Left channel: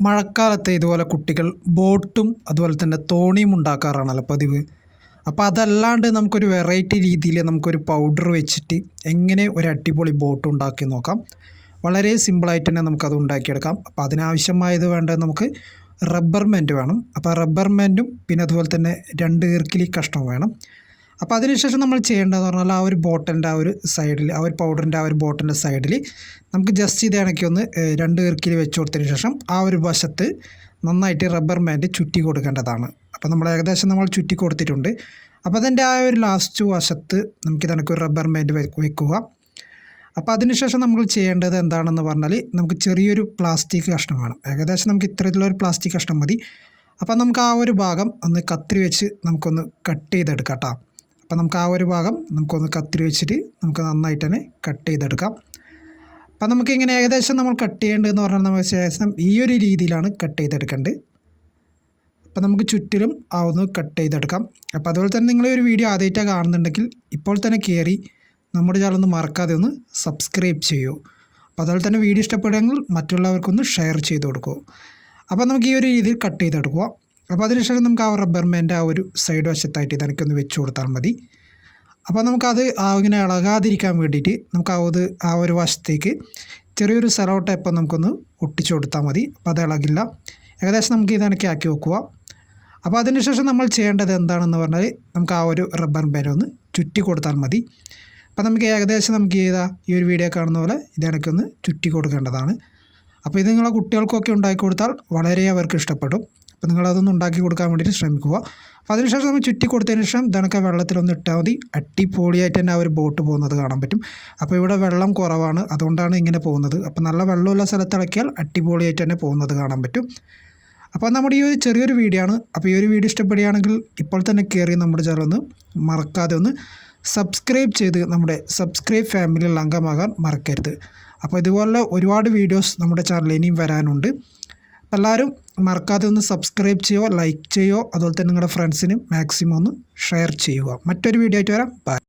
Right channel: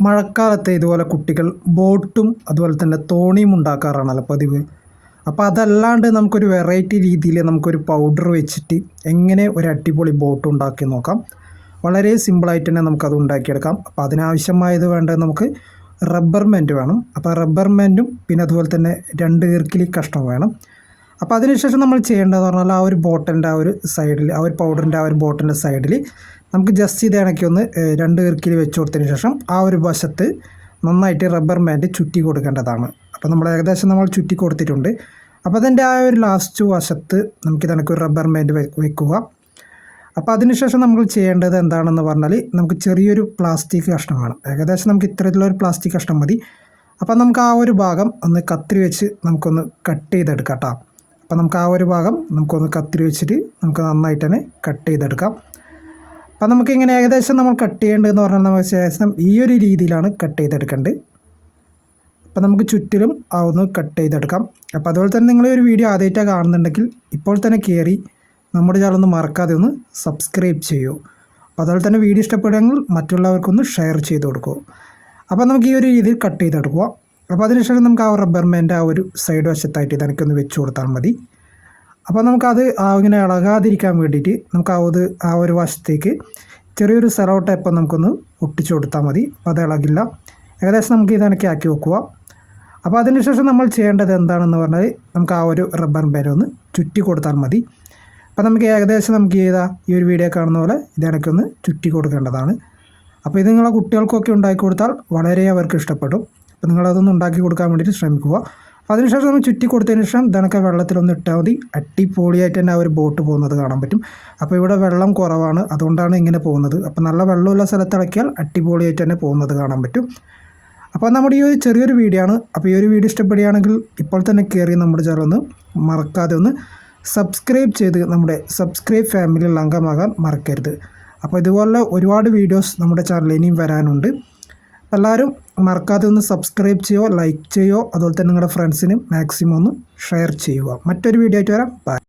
മഴക്കാലത്ത് ഇതുപോലെ കുട്ടികൾ ബോട്ടും അതുപോലെ തന്നെ തോണിയും ഉണ്ടാക്കാറാണല്ലോ പതിവ്. അപ്പോൾ അതല്ലാണ്ട് നമുക്കൊരു വെറൈറ്റി രീതിയിൽ നമുക്കൊരു പൗഡർ വെച്ചിട്ട് എങ്ങനെ ഒരു അടിപൊളി ബോട്ട് ഉണ്ടാക്കി നോക്കാം. വളരെ സിമ്പിളായിട്ട് തന്നെ നമുക്കത് ഉണ്ടാക്കിയെടുക്കാം. അപ്പോൾ അതിനാവശ്യമായത് വേണ്ടത് നമുക്ക് റബ്ബർ മെന്റ് വേണം. അപ്പോൾ റബ്ബർ മെന്റും പിന്നെ അതുപോലെ തന്നെ രണ്ട് ഈർക്കിലി കഷ്ണം വേണം. അപ്പോൾ അതിനുശേഷം നമ്മൾ ചെയ്യേണ്ടതെന്ന് പറഞ്ഞാൽ ആ ഒരു ബോട്ടിന്റെ ആ ഒരു സൈഡിൽ ആ ഒരു പൗഡറിന്റെ ആ ഒരു ബോട്ടിന്റെ സൈഡിൽ നമുക്ക് ജസ്റ്റ് ഇത് ഇണക്കി ഒന്ന് രണ്ട് ഈർക്കിൽ വെച്ച് കൊടുത്തതിന് ശേഷം ആ ഒരു വശത്ത് നന്നായിട്ട് റബ്ബർ ബാൻഡ് ചുറ്റി കൊടുക്കേണ്ടതാണ്. അപ്പോൾ നമ്മൾ ഏകദേശം നമ്മൾ ചുറ്റി കൊടുത്തിട്ടുണ്ട്. അപ്പോൾ അതിന്റെ ആ ഒരു ലാസ്റ്റ് വശത്ത് നമുക്ക് ഇതിനൊക്കെ ഒരു റബ്ബർ ബാൻഡ് വെക്കുക. അപ്പോൾ അതിനുശേഷം നമ്മൾ ചെയ്യേണ്ടത് എന്താണെന്ന് പറഞ്ഞാൽ നമുക്ക് ചെറിയൊരു പ്ലാസ്റ്റിക് കഷ്ണം വേണം. ഏകദേശം നമുക്ക് ഇത്തരത്തിലുള്ള ഒരു പ്ലാസ്റ്റിക് കഷ്ണം മതി. അപ്പോൾ നമുക്ക് ആ ഒരു ഭാഗം ഒന്ന് കത്തിരി വെച്ച് നമുക്കൊന്ന് കട്ട് ചെയ്തെടുക്കാം കേട്ടോ അപ്പോൾ നമുക്ക് ആ ഒരു ഭാഗം നമുക്കൊന്ന് കത്തിരി വെച്ചിട്ട് നമുക്ക് നന്നായിട്ട് തന്നെ കട്ട് ചെയ്തെടുക്കാം. അപ്പം നമുക്ക് ഇങ്ങനെ ഏകദേശം നമ്മൾ കട്ട് ചെയ്യേണ്ടതെന്ന് പറഞ്ഞാൽ നമുക്ക് ശേഷം ഈ ഒരു രീതിയിലാണ് കട്ട് ചെയ്തെടുക്കേണ്ടത്. അപ്പം നമുക്ക് ചുറ്റിലും ആ ഒന്ന് കട്ട് ചെയ്തെടുക്കാം. അപ്പോൾ അതുപോലെ തന്നെ നിങ്ങൾ ഒരു വീഡിയോ ആദ്യമായിട്ടാണ് കാണുന്നുണ്ടെങ്കിൽ ഇപ്പോൾ തന്നെ കയറി നമ്മുടെ ചാനൽ ഒന്ന് മറക്കാതെ ഒന്ന് സബ്സ്ക്രൈബ് ചെയ്യൂ. അപ്പോൾ അതുപോലെ തന്നെ വീഡിയോ ഇഷ്ടപ്പെടുമെങ്കിൽ മറ്റുള്ളവർക്കൊന്ന് ഷെയർ ചെയ്ത് കൊടുക്കൂ. അപ്പോൾ നമുക്ക് ഈ ഒരു രീതിയിൽ കട്ട് ചെയ്തെടുക്കുക. അപ്പോൾ അതിനുശേഷം നമുക്ക് ആ റബ്ബർമേന്റെ ആ ഒരു സൈഡ് വശത്തായിട്ട് ഇതെനിക്കൊന്ന് വെച്ച് കൊടുത്താൽ മതി. അപ്പോൾ നമുക്കത് ഇങ്ങനെ ഇളകാതിരിക്കാൻ വേണ്ടിയിട്ട് നമുക്ക് ആ ഒരു ആ ഒരു വശത്തേക്ക് ചെറിയൊരു സെലോ ടൈപ്പ് നമുക്കൊന്ന് ഒട്ടിച്ചു കൊടുത്താൽ മതി. അപ്പോൾ അത് ഇളകില്ല. ഏകദേശം നമുക്ക് ഇതനക്കി ആക്കി വെക്കുക. അപ്പോൾ അതിനുശേഷം നമ്മൾ ചെയ്യേണ്ടത് എന്താണെന്ന് പറഞ്ഞാൽ നമുക്ക് ആ ഒരു റബ്ബർ ബാൻഡ് ഒന്ന് ചുറ്റി കൊടുത്താൽ മതി. അപ്പോൾ നമുക്ക് ഏകദേശം നമുക്ക് ചെയ്താ ഈ ഒരു വീഡിയോ കാണുന്ന പോലെ ഇതണക്കൊന്ന് ചുറ്റി കൊടുക്കേണ്ടതാണ്. അപ്പോൾ ഇത് നിങ്ങളെ കുട്ടികൾക്കൊക്കെ ഉണ്ടാക്കി കൊടുത്താൽ വളരെ അവർക്ക് ഇഷ്ടപ്പെടും. അപ്പോൾ നിങ്ങളതൊന്ന് ഉണ്ടാക്കി കൊടുക്കാൻ വേണ്ടിയിട്ട് ശ്രമിക്കുക. അതിനുശേഷം നമ്മൾ ചുറ്റി കൊടുത്തതിന് ശേഷം ഇതണക്കെ വെള്ളത്തിലൊന്ന് ഇട്ടാൽ മതി. അട്ടിപ്പൊളിയായിട്ട് തന്നെ ആ ഒരു ബോട്ട് പോകുന്നത് കാണാൻ പറ്റും. അപ്പോൾ ഇവിടെ വെള്ളം കുറവാണ്. അതുകൊണ്ടാണ് ഇങ്ങനെ പോകുന്നത്. അപ്പോൾ നല്ല വെള്ളമുള്ള സ്ഥലത്ത് ഇളക്കിയാൽ അട്ടിപ്പൊളിയായിട്ട് തന്നെ പോകുന്നത് കാണാൻ പറ്റും. അപ്പോൾ നമ്മുടെ ഈ ഒരു ചെറിയൊരു വീഡിയോ ആണ്. അപ്പോൾ ഈ ഒരു വീഡിയോ ഇഷ്ടപ്പെടുകയാണെങ്കിൽ ഇപ്പോൾ തന്നെ കയറി നമ്മുടെ ചാനൽ ഒന്ന് മറക്കാതെ ഒന്ന് സബ്സ്ക്രൈബ് ചെയ്ത് നമ്മുടെ സബ്സ്ക്രൈബ് ഫാമിലിയിൽ അംഗമാകാൻ മറക്കരുത്. അപ്പോൾ ഇതുപോലെ ഒരുപാട് വീഡിയോസ് നമ്മുടെ ചാനലിൽ വരാനുണ്ട്. എല്ലാവരും മറക്കാതെ ഒന്ന് സബ്സ്ക്രൈബ് ചെയ്യുക ലൈക്ക് ചെയ്യുക അതുപോലെ തന്നെ നിങ്ങളുടെ ഫ്രണ്ട്സിനും മാക്സിമം ഒന്ന് ഷെയർ ചെയ്യുക. മറ്റൊരു വീഡിയോ ആയിട്ട് വരാം. ബൈ